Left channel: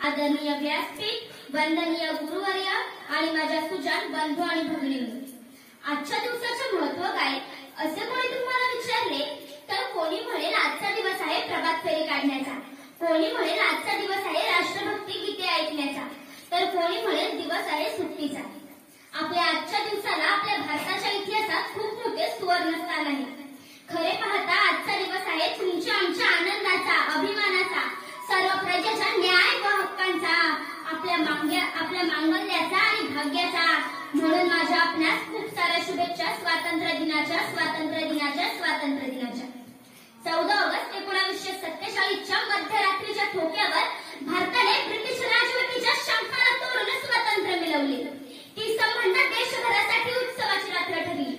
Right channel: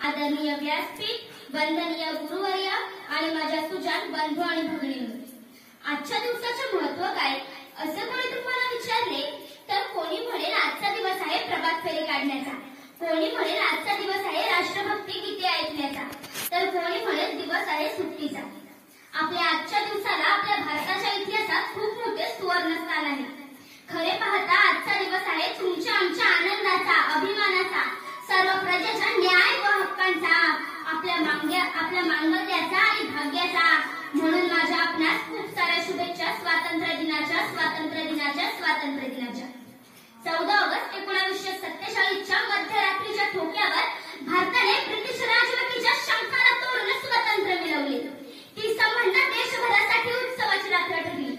आदरणीय व्यासपीठ, वंदनीय गुरुवर्य आणि माझ्या सुजाण बंधू आणि भगिनींनो, आजच्या दिवसाचे महत्त्व काय असे कोणी तुम्हाला विचारले तर कोणी म्हणेल आजचा दिवस आहे प्रभात फेरी काढण्याचा, कोणी म्हणेल आजचा दिवस आहे राष्ट्रभक्ती गीते ऐकण्याचा, तर कोणी म्हणेल दिवस आहे सुट्टीचा. आपल्या आजच्या दिवसाला आपल्या भारताच्या इतिहासात खूप मोठे सुवर्ण स्थान आहे. खरे पाहता आजचा दिवस आहे तुमच्या आमच्या आनंदाचा, अभिमानाचा, सर्व प्रजेच्या न्याय व हक्कांचा, आपल्या मांगल्याचा आणि भाग्याचा. म्हणून माझ्या आपणास खूप साऱ्या शुभेच्छा स्वातंत्र्य दिनाच्या. 14 ऑगस्ट 1947च्या मध्यरात्रीच्या ठोक्यावर भारताने ब्रिटिश राजवटीच्या शंकाला तोडून स्वातंत्र्य मिळवले. ती संबंध देशभरासाठी उत्सवाची रात्र ठरली.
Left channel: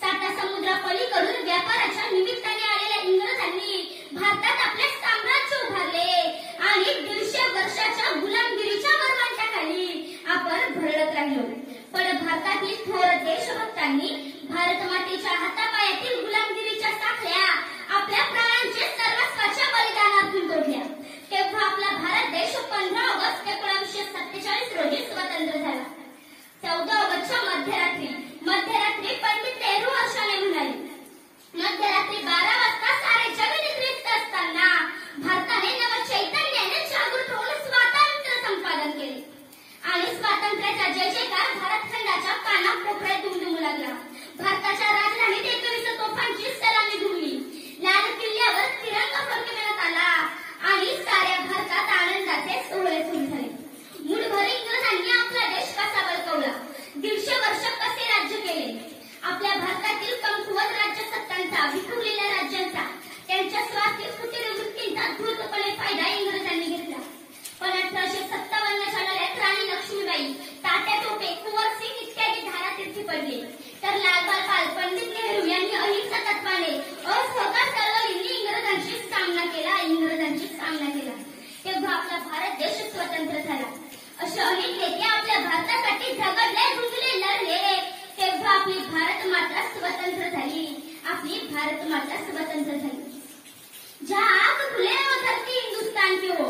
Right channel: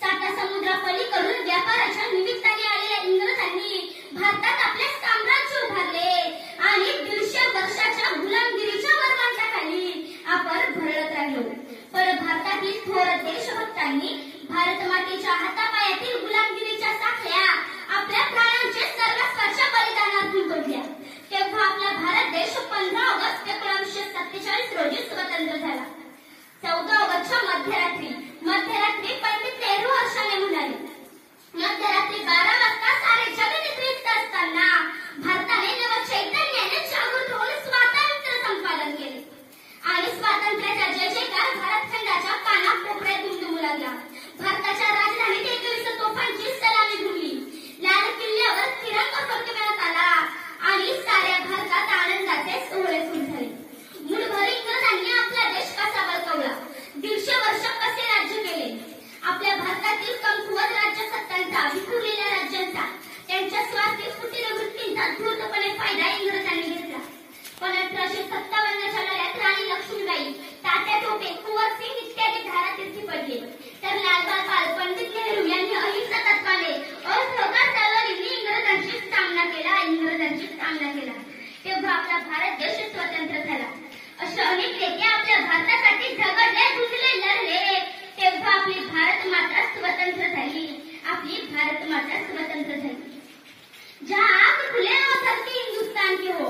साता समुद्रापलीकडून व्यापाराच्या निमित्ताने आलेल्या इंग्रजांनी भारतात आपले साम्राज्य उभारले आणि 150 वर्षाच्या गुलामगिरीच्या वरवंटाखाली आपण भरडत राहिलो. पण भारतातील थोर देशभक्तांनी भारत मातेच्या हातापायातील गुलामगिरीच्या साखळ्या आपल्या प्राणांचे सर्वस्वाच्या बलिदानातून तोडल्या. तेव्हा आपला भारत देश 15 ऑगस्ट 1947 रोजी स्वतंत्र झाला. 14 ऑगस्टच्या मध्यरात्री पंडित नेहरू हर्षाने म्हणाले, मध्यरात्री 12 वाजता सारे जग निद्रित असताना भारताने नवचैतन्याने जागृत होऊन स्वातंत्र्य संपादन केले आणि स्वातंत्र्याचा जय जयकार भारतखंडाच्या कानाकोपऱ्यात दुमदुमू लागला. भारताच्या राजधानीत 21 तोफांची सलामी धुरली. लाल किल्ल्यावर तिरंगा फडकवण्यात आला आणि साऱ्या भारतात आनंदाचे सोहळे सुरू झाले. मूठभर इंग्रजांनी आपला देश कसा बळकावला, 150 वर्ष कसे राज्य केले. आपल्या भारतातील कमकुवत राज्यसत्तांचा, विखुरलेल्या राज्यांचा, त्यांच्या स्वार्थी फुटीर वृत्तींचा धूर्तपणे फायदा इंग्रजांनी घेतला. पण 1857 लढ्यात राणी लक्ष्मीबाई, तात्या टोपे, कुंवर सिंग इत्यादी धारातीर्थी पडले. तर लालबाल पाल, पंडित नेहरू यांनी अहिंसा तत्वाने असहकार चळवळींनी इंग्रजांशी सामना केला. तेव्हा आपला भारत देश स्वतंत्र झाला. असे अनेक नेते आपल्या भारतासाठी झगडले, झुंजले, लढले. तेव्हा आपली भारत माता स्वतंत्र झाली. जहाँ आग खुले वो धरती हिंदुस्तान की हो,